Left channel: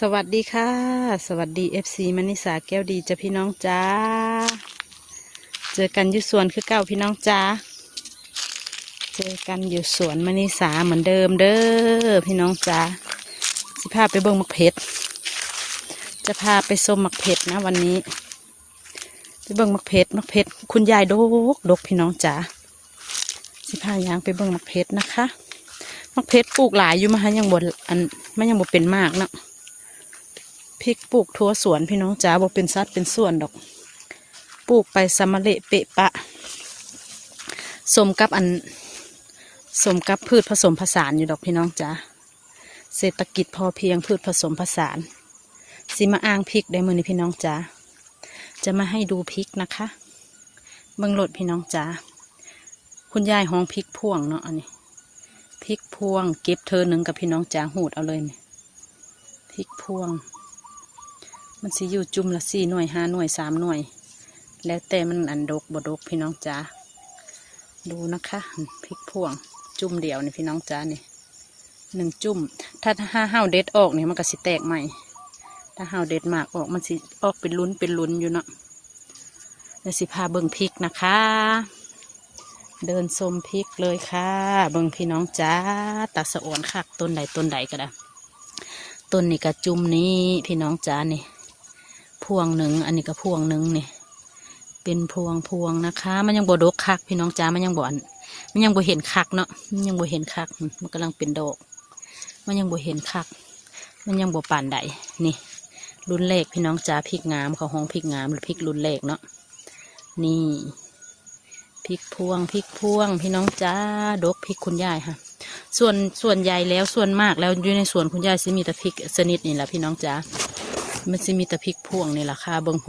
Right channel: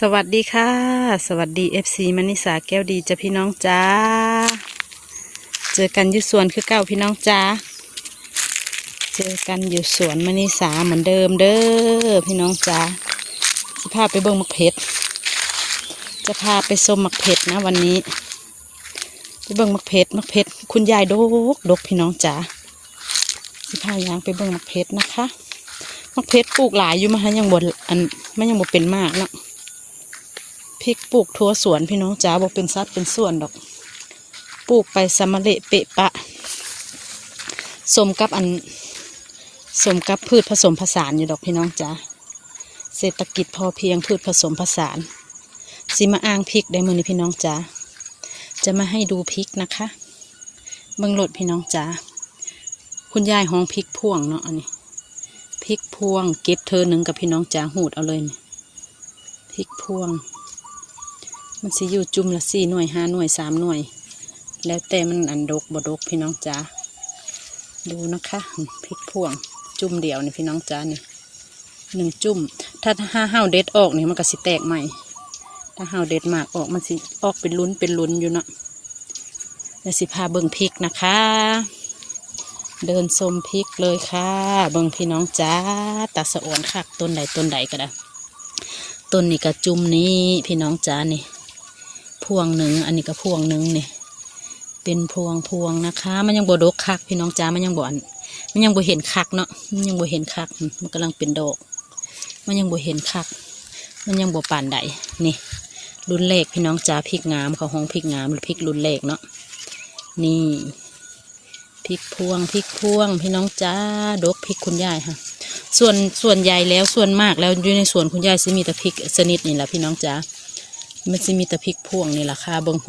สวัสดีค่ะ สวัสดี FC มณิสาแก้วดีจ้ะพี่น้องจ้า เจอกันอยู่สวนคือเก่าพี่น้องจ้า เจอกันอยู่สวนมณิสาเหมือนเดิมเด้อพี่น้องจ้าจะพาไปเบิ่งมักเพชรจะพาไปชมมักเพชรนะวันนี้ไปเบิ่งมักเพชรมักเพชรคุณยายดกดกพี่น้องจ้าจะพายางไปเบิ่งมักเพชรนะคะมักเพชรปลูกหลายอยู่มาฮะยังบนอันไม่ยังบ่เป็นมากนะ พริกปลูกทั่วสวนพี่น้องจ๋าบอกเป็นซัดเป็นส่วนดอก ปลูกไปสมะเละเปะปะ สมกับอัน สมกับพืชผสมผสานอยู่ดอกพี่น้องจ๋าเศรษฐกิจพอเพียงพืชผสมผสานสิมาอ้างพริกได้มือนี้พี่น้องจ๋าจะมาให้ดูพริกนะคะเมืองหลดพี่น้องจ๋าคุณยายห้องพริกพ่วงเนาะอันนี้พริกพวงเก็บเธอหนึ่งกับพี่น้องจ๋าหูดเอาเลยนี่พริกพวง มันสิอยู่จุ่มละสี่หน่วยห้าหน่วยสามหน่วย แล้วแต่มันอันดกบดกพี่น้องจ๋าดูนะคะพริกพ่วงจุ่มเดียวนี่พี่น้องจ๋านี่หนึ่งจุ่ม ถ้าห้าห้าวเด็ดออกนี่มันก็สิแตกใหม่ ถ้าห้าวเด็ดมากออกมันสิออกเป็นลุ้นเป็นลุ้นอยู่เนาะแล้วสิพาเบิ่งพริกนะคะ เดินชมพริกเลยค่ะ เบิ่งพี่น้องจ้าตาสะอ่อนคักต้นใดต้นใดก็ได้ ต้นนี้ก็จุ่มนี้พี่น้องจ้านี่ พวงหนึ่งอันนี้ก็พวงหนึ่งนี่เป็นพวงพวงนะคะ มันยังบดกคักพี่น้องจ้ามันยังบ่อนมันยังบ่เห็นคักเนาะมันยังบ่เห็นคักมันกำลังเป็นดอก มันยังบ่เห็นคัก มันยังบ่ป่านใดนี่รุ่นเลขพี่น้องจ้าพริกงามเขาห้องพริกงามหรือพริกรุ่นเลขเนาะนี่พริกพวงพริกพวงพี่น้องจ้าดกพริกคุณยายค่ะส่วนส่วนใหญ่แล้วส่วนมากแล้วอยู่ในสวนคุณยายสิมีแต่พริกชนิดนี่แหละพี่น้องจ๋า มันสิมีแต่พริกพวงนี่แหละค่ะเบิ้งโห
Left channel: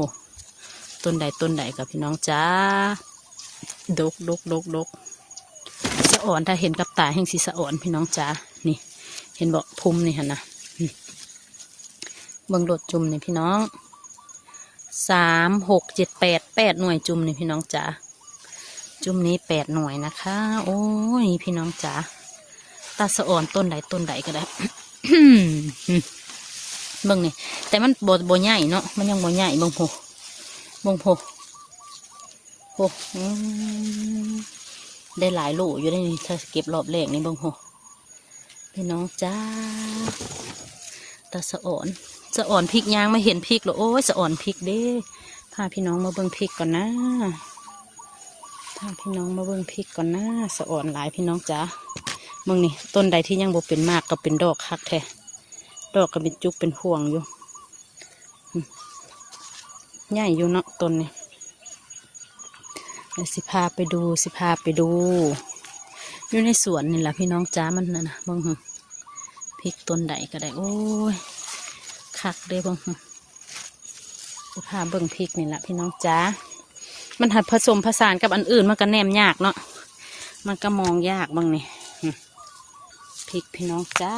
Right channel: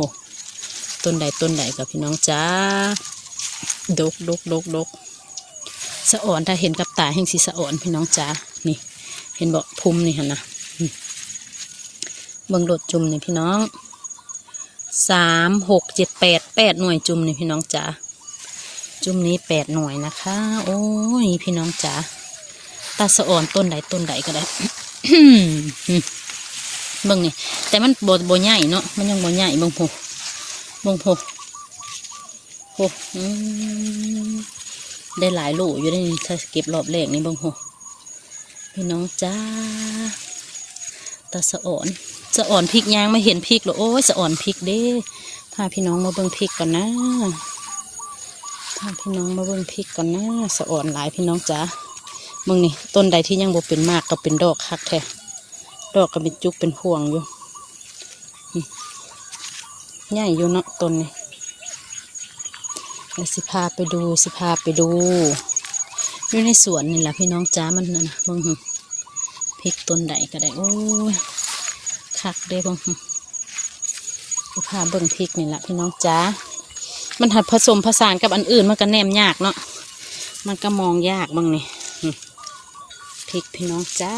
ต้นใดต้นใดกับพี่น้องจ๋าดกดกดกดกสะอ่อนถ้าเห็นกับตาแห่งสีสะอ่อนพี่น้องจ๋านี่ เห็นบอกพุ่มนี่ฮะนะเบิ้งโดดจุ่มนี่พี่น้องสามหกเจ็ดแปดแปดหน่วยจุ่มนี่พี่น้องจ๋าจุ่มนี้แปดหน่วยนะคะ โอ้ยพี่น้องจ๋าตาสะอ่อนต้นใดต้นใดก็ได้ เบิ่งนี่แต่มันบโบใหญ่เนาะมันยังบใหญ่บิ่งโหบิ่งโหโหอืมได้หลายลูกอยู่ในนี่ถ้าเก็บรอบแรกนี่บิ่งโหพี่น้องจ้าตาสะอ่อนสะอ่อนพริกยางไม่เห็นพริกหรอโอ้ยสะอ่อนพริกเด้พาพี่น้องมาเบิ่งพริกกันนะพาพี่น้องมาเบิ่งพริกกันนะสะอ่อนหลายพี่น้องจ้ามึงนี่ต้นใดที่ยังบ่เป็นมากก็เป็นดอกคักแท้ ดอกก็เป็นจุกเป็นห่วงอยู่ใหญ่อยู่นะต้นนี่เดี๋ยวสิพาไปดูสิพาไปดูอยู่ในสวนนี่แหละพี่น้องจ้ามันน่ะนะบังหึพริกต้นใดก็ได้โอ้ยคักเลยเบังหึสิพาเบิ่งพริกนี่แหละพี่น้องจ้ามันหัดผสมผสานกับอันอื่นมันก็แนมยากเนาะมันก็มองยากเบางนี่พริกพี่น้องจ้า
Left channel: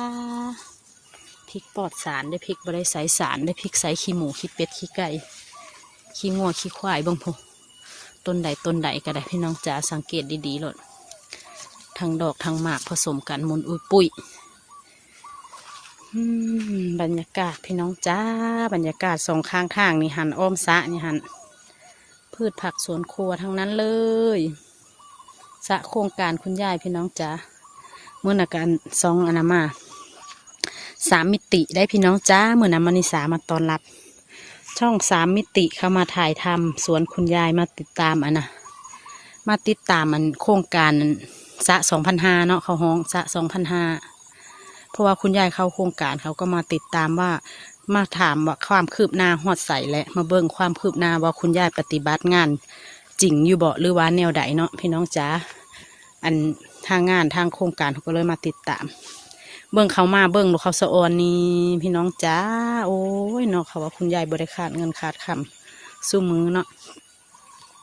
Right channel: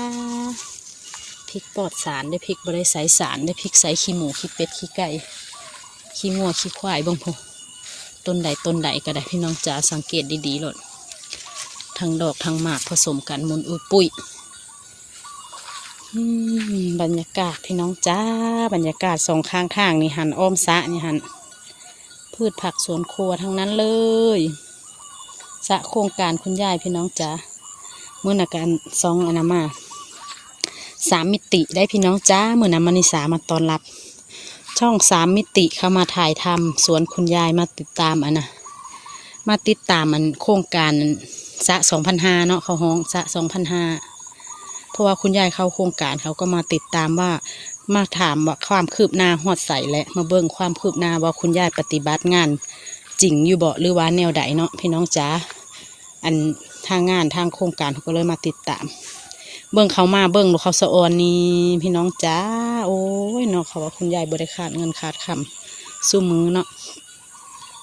พริกปลอดสารได้พริกบริใสสารได้พริกใสขี้หมูขี้เป็ดขี้ไก่ขี้งัวขี้ควายเบางพงต้นใดต้นใดก็ได้พี่น้องจ้าสังเกตดีๆหลดทั้งดอกทั้งหมากผสมกันมุนอุ้ยปุ้ยบรรยากาศพี่น้องจ้าบรรยากาศสองข้างทางนี่หันอ้อมสะนี่หันพืชผักสวนครัวทั้งนั้นเลยสะโครงการคุณยายพี่น้องจ้าเมื่อนาการซองอนามา สามมิติได้พี่น้องจ้าเมื่อนามานิสามาตอนรับ ช่องสามมิติเข้ามาถ่ายทำสวนคุณยายมาติดตามอันนะมาติดตามมันโครงการสะสองพันห้าเนาะเขาห้องสะสองพันห้าเพราะว่าคุณยายเข้าโครงการเขาก็มาติดตามว่ามาถามว่าความคืบหน้าหอดใสและมาเบิ่งความคืบหน้าว่าคุณยายปฏิบัติงานจริงอยู่เบ่หรือว่าแนวใดเนาะพี่น้องจ้าอันทางงานทางโครงการเขาก็เลยมาติดตาม เบิ่งเขามาเบิ่งดูเขาสะออนนี่พี่น้องจ้า โอ้ยเนาะเขาว่าคุณยายบริขาดเงินขาดคำสู้มือเนาะ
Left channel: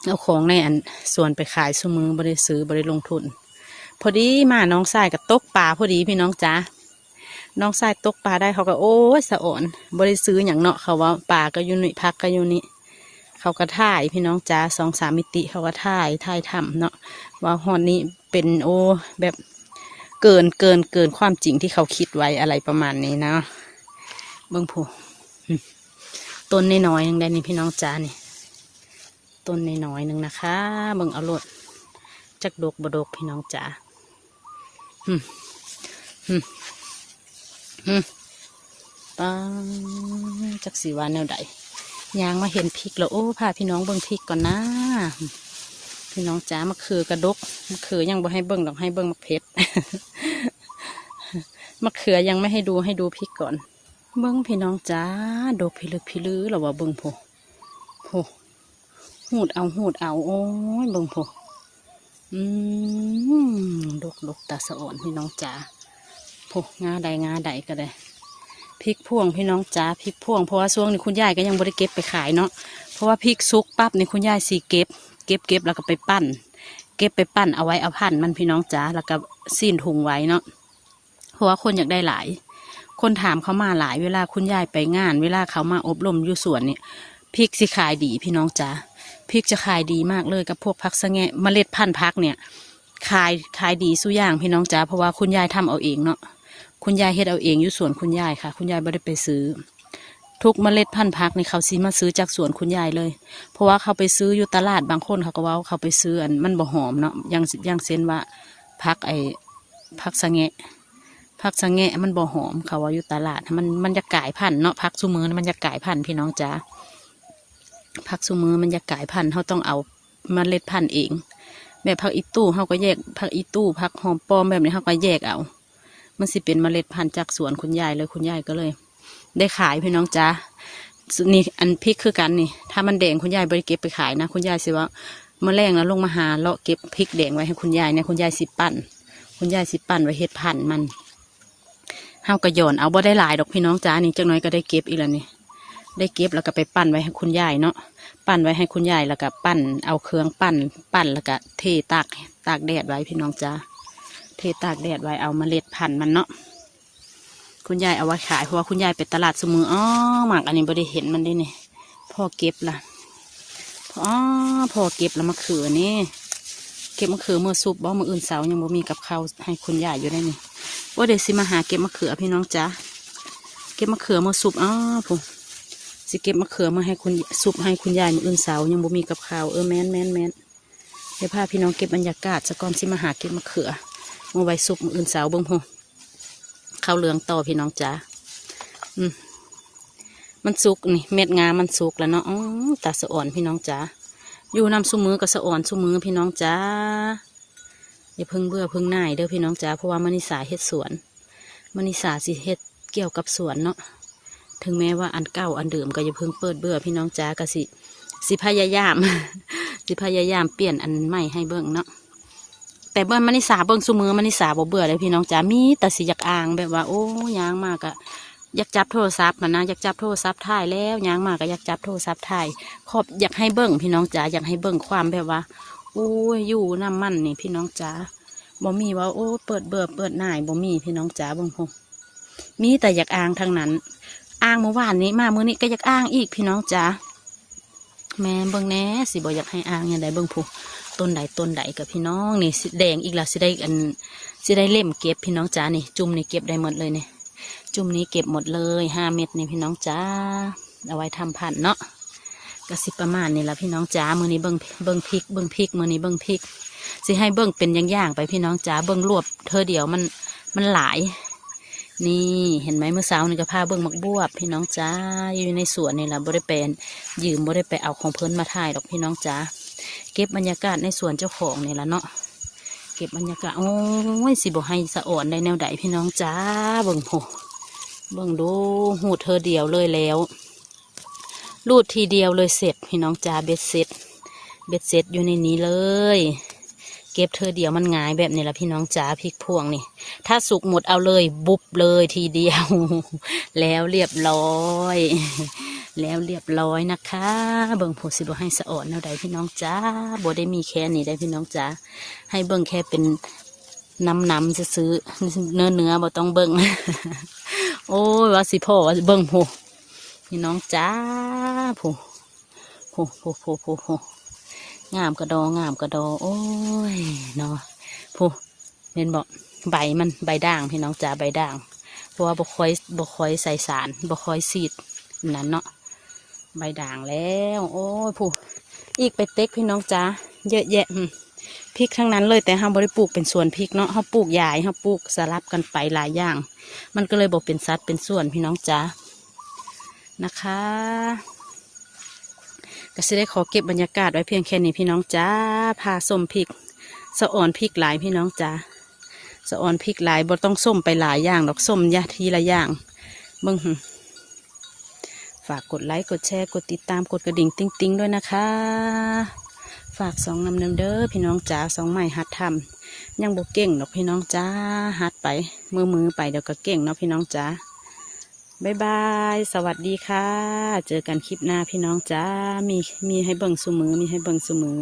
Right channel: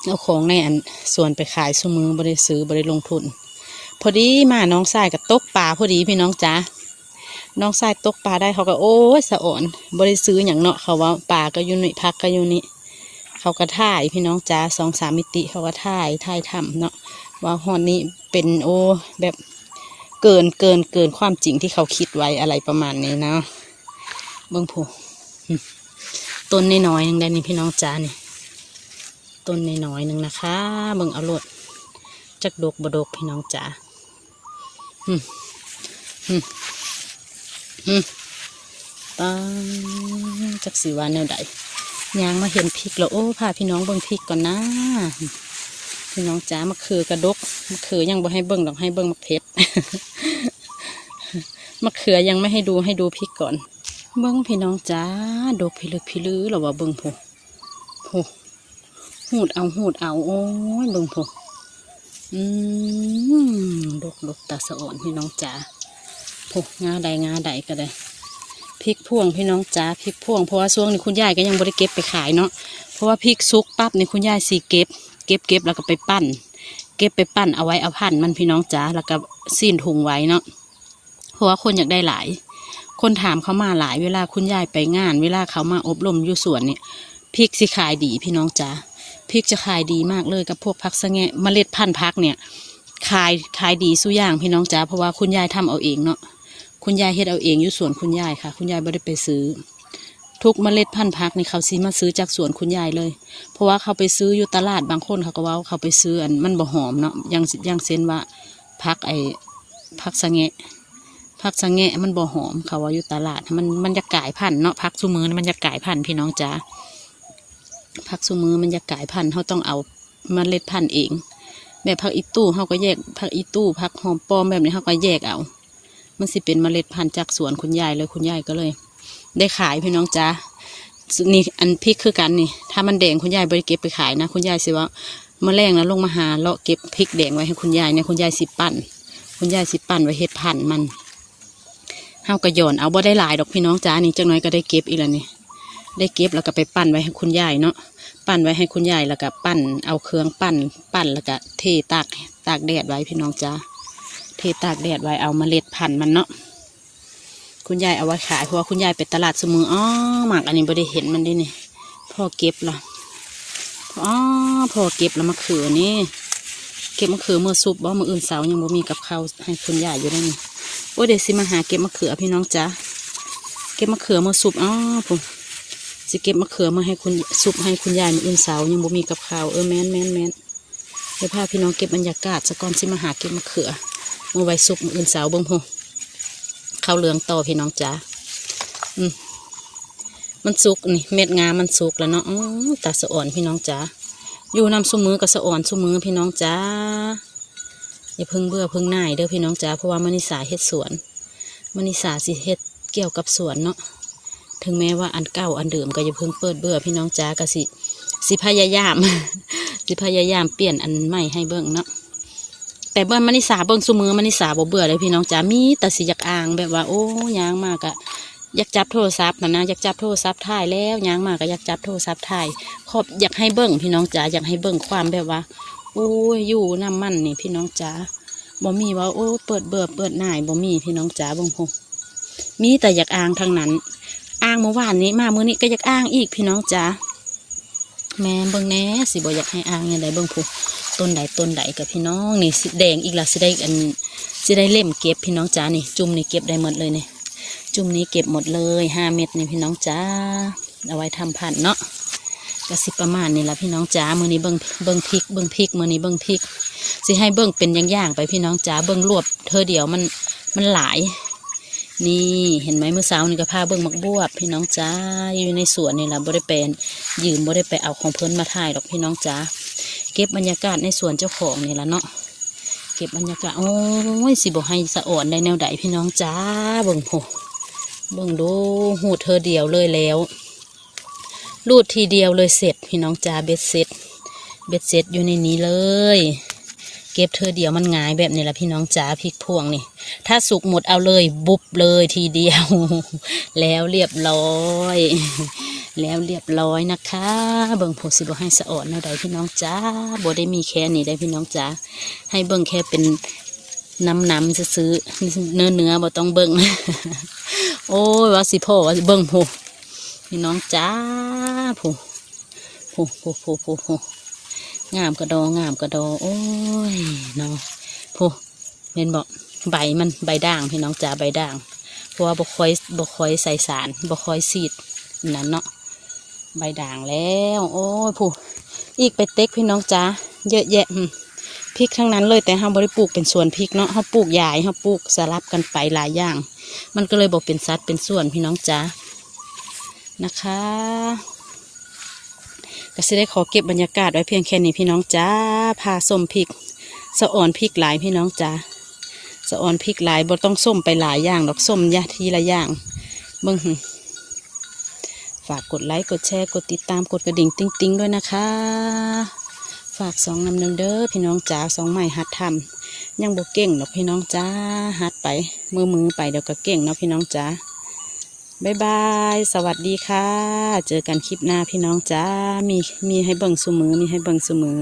เอาของในอันส่วนไปขายสู้มือบริซื้อบริลงทุน พอดีมาน้องชายกับตกปลาพอดีพี่น้องจ้าน้องชายตกปลาได้เขาก็โอ้ยสะออนบริซื้ออย่างเนาะเขาว่าปลาก็อยู่นี่พักก็อยู่นี่เขาก็ถ่ายพี่น้องจ้าสองสามมิติเขาก็ถ่ายถ่ายทำเนาะว่าฮอนนี้เป็นโอแบบ เกินเกินเกินความจริงที่เขาคิดไว้อะไรประมาณนี้นะเบิ่งผูต้นน้อยๆหนึ่งได้นี่พี่น้องจ้านี่ต้นน้อยๆหนึ่งนะคะเบิ่งเอาโลดจักดกบดกพี่น้องจ้าหึหึหึปังจักสีวาแนวใดยางมาเห็นพริกแล้วโอ้พาพี่น้องเบิ่งพริกก่อนนะ พี่น้องจ้ามะเขือกระดกมะเขือยังบ่ให้เบิ่งดอกให้เบิ่งมะเพ็ดมะเขือยังไม่ให้ดูให้ดูพริกก่อน เบิ่งพี่น้องจ้าดกพิลึกพิลือหรอว่าเบิ่งผโผหูดเอาหูดเอาโอ้ยเบิ่งโผอืมดกดกตาสะอ่อนพี่น้องจ้าโผงาใดงาใดก็ได้พริกพ่วงพี่น้องจ้าพริกพ่วงเพราะว่าช่วงนี้คุณยายก็ยังบ่ได้เก็บไปขายเนาะเพราะว่าพริกซุกปั๊บในคุณยายสีเก็บ เก็บเก็บแล้วก็ไปปั้น เก็บไปปั้นเอาไว้เอาพันมันพี่น้องจ๋าแล้วก็ซีนถุงไว้เนาะเพราะว่าคนอยากได้หลาย คนถามเขามาหลายเวลาคุณยายไปงาน เวลาเขามาอบรมอยู่สวนเนี่ยพริกสิขายดีพี่น้องจ๋าพริกจะขายดีมากเลยกับพวกผักสะแงะเมล็ดพันธุ์พักเนี่ยขายขายดีสู้อย่างพี่น้องจ๋าเพราะว่าคุณยายทำเอาเองเนาะคุณยายเฮ็ดเอาเองอยู่สวนคุณยายค่ะ คุณยายไม่ได้ไปซื้อ ทุกเมล็ดพันธุ์พักในเขาซีมาซื้อจากสวนคุณยายเลย เพราะว่าเขาไปซื้ออยู่ตลาดบางคนเขาก็ว่าเขาไปซื้ออันมันบ่หอมเนาะยังยังเส้นว่าพักไอ้พักสะแงะพักสะแงะมันบ่หอมเขาว่าอยู่ตลาดมันมันจะกลายพันธุ์เนาะพักซูมือมันจะกลายพันธุ์พี่น้องจ๋าพักซูมือมันจะกลายพันธุ์เขาต้องเอาเมล็ดพันธุ์เองแบบพักอีตู้เขาก็แยกพักอีตู้พักหอมปอมแบบนี้เขาก็แยกเอา มันสิเป็นเมล็ดพันธุ์จากสวนคุณยายเลยคุณยายก็เลย ได้ขายพี่น้องจ๋านี่อันพริกคือกันนี่ ถ้ามันแดงคุณยายบริเก็บไปขายนะคุณยายสิว่าเมาแรงแล้วลงมาหาเลาะเก็บพริกแดงไว้ให้คุณยายเนี่ยคุณยายสิปั่น คุณยายสิปั่นไว้เฮ็ดพันมันเฮาก็หย่อนเอาบ่ได้หลายดอกพี่น้องจ้านี่จังน้อยก็ได้เก็บอีกแล้วนี่ได้เก็บแล้วก็ไปปั่นไว้ให้คุณยายเนาะปั่นไว้ให้คุณยายแล้วก็ปั่นเอาเครื่องปั่น ปั่นแล้วก็เทตากตากแดดไว้พี่น้องจ้าเทตากแดดไว้เอาเมล็ดพันธุ์มันเนาะ คุณยายเอาไว้ขายเพราะว่าคุณยายไปตลาดสมืออ๋อหมากอันนี้ไม่ได้เห็นมันได้นี่พ่อเก็บละอ๋อพ่อเก็บแล้วมะเขือนี่เก็บมะเขือมือซุปบ่มืออื่นเสายังบ่มีกับข้าวให้คุณยายอยู่ได้นี่โอ้เดี๋ยวสิมาหาเก็บมะเขือพี่น้องจ้าเก็บมะเขือมือซุปอ๋อผมสิเก็บมะเขือมาให้คุณซุปให้คุณยายมืออื่นเสายังบ่มีกับข้าวเออแม่นแม่นแม่นเดี๋ยวพาพี่น้องเก็บบรรยากาศสะก่อนสิมาหาเก็บมะเขือมาไว้ซุปมืออื่นเสาเบิ่งโห ข้าวเหลืองต่อพี่น้องจ้าอืมมันสุกนี่เม็ดงามันสุกแล้วเนาะอตาสะอ่อนพี่น้องจ้าอยู่นำซุมือกับสะอ่อนซุมือพี่น้องจ้าอย่าพิ่งเบื่อพิ่งหน่ายเด้อพี่น้องจ้าเพราะว่ามณิสาเฮ็ดสวนมณิสาสิเฮ็ดเกี่ยวกับสวนเนาะถึงแม้ว่าอันเก่าอันเดิมก็อย่าพิ่งเปิดเบื่อพี่น้องจ้าก็สิสิพยายาม สิพยายามเปลี่ยนอันใหม่ให้เบิ่งเนาะ แต่เบิ่งมณิสาเบิ่งซุมือมณิสาบ่เบื่อเลยพี่น้องจ๋ามีแต่สิอยากอ่างแบบว่า โอ้ยางมากอะอยากจับโทรศัพท์นะนะอยากจับโทรศัพท์ถ่ายแล้วยางมากก็อยากจับโทรศัพท์ถ่ายขอบอยากให้เบิ่งพี่น้องจ๋าอยากให้เบิ่งความแบบว่าโอ้ยอยู่น้ำมันนี่พี่น้องจ๋าบ่มีว่าโอ้เปิดเบื่อเปิดหน่ายบ่มีพี่น้องจ๋าเบิ่งพงมีแต่อยากอ่างทั้งนั้นอ่างเมื่อวานนี้มาเมื้อนี้ก็อยากอ่างอีกพี่น้องจ๋าแม่เบิ่งแน่สิบ่อยากให้อ่างยังไงเบิ่งพง ต้นใดต้นใดกับพี่น้องนี่สิแดงอีกละสิได้อันสิได้เล่มเก็บพี่น้องจ้านี่ จุ่มนี่เก็บได้หมดเลยเนี่ยจุ่มนี้เก็บหมดเลยห้าเม็ดนี่พี่น้องจ้าเอาไว้ทำพันธุ์เนาะก็สิประมาณนี่ละพี่น้องจ้ามือนี้เบิ้งเบิ้งพริกเบิ้งพริกมือนี้เบิ้งพริกสิให้เบิ้งเป็นอย่างๆไปพี่น้องจ้าเบิ้งรวบเธอเดียวมันมันหลาย นี่เห็นไหมเมื่อเช้านี่ก็พาเบิ้งมักบวบ พี่น้องจ้าอยู่ในสวนนี่ละบริเปนยืมบริไปเอาของเพิ่นมาถ่ายหรอกพี่น้องจ้า เก็บบรรยากาศในสวนเจ้าของนี่ละเนาะเก็บบรรยากาศโอ้ยสิบอกให้สะอ่อนในแนวใดพี่น้องจ้าเบิ่งโหเบิ่งดูหูดเธอเดียวเลยแล้วรูดทีเดียวเลยเสร็จพี่น้องจ้าเบ็ดเสร็จเบ็ดเสร็จอยู่ในนี้เลย เก็บเธอเดียวมันง่ายแบบนี้ละพี่น้องจ้าพริกพวงนี่ถ้าสุกหมดเอาเลยบุบเลยทีเดียว แล้วเรียบร้อย แล้วเรียบร้อยนะคะเบิ่งผูสิบให้สะอ่อนแนวใดพี่น้องจ้าบ่ได้มีแค่นี้ได้พี่น้องจ้าให้เบิ่งแค่เป็นน้ำน้ำซื้อเนื้อเนื้อบ่ต้องเบิ่งโอ้ยว่าสิพ่อว่าเบิ่งผูพี่น้องจ้าผูผูผูผูผูผูงามกระดองามกระดอโอ้ยเนาะผูเห็นบอกใบมันใบด่างพี่น้องจ้าใบด่างเพราะว่าบ่คอยบ่คอยใส่สารบ่คอยซีดนั่นเนาะ ใบด่างแล้ว โอ้ยผู้อีกไปเต็กพี่น้องจ้าเยอะแยะพริกทั้งนั้นเลยแต่เราบ่ได้ปลูกเป็นสวนพริกเนาะเราปลูกยายเราปลูกสลับกันไปหลายอย่าง มันก็เลยบอกเป็นสัดเป็นส่วนพี่น้องจ้านะคะก็จะได้ขอเก็บบรรยากาศไว้เพียงแค่นี้พี่น้องจ้าพาส้มพริกสะอ่อนพริกหลายพี่น้องจ้าสะออนพริกหลายบ่ต้องส้มไปหลายอย่างดอกส้มยะทีละอย่างเบิ่ง ฝากกดไลค์ กดแชร์ กดติดตาม กดกระดิ่งติ๊งติ๊งๆด้วยนะคะ ฝากสองนำหนึ่งเด้อพี่น้องจ๋าสองใหม่หัดทำยังบกเก่งเนาะพี่น้องจ๋าหัดไป มือมือไปเดี๋ยวก็เก่งเนาะพี่น้องจ๋าบ๊ายบาย สวัสดีค่ะ เจอกันคลิปหน้าพี่น้องจ้า มีมีให้เบิ่งสุมือ มีให้เบิ่งสุมือ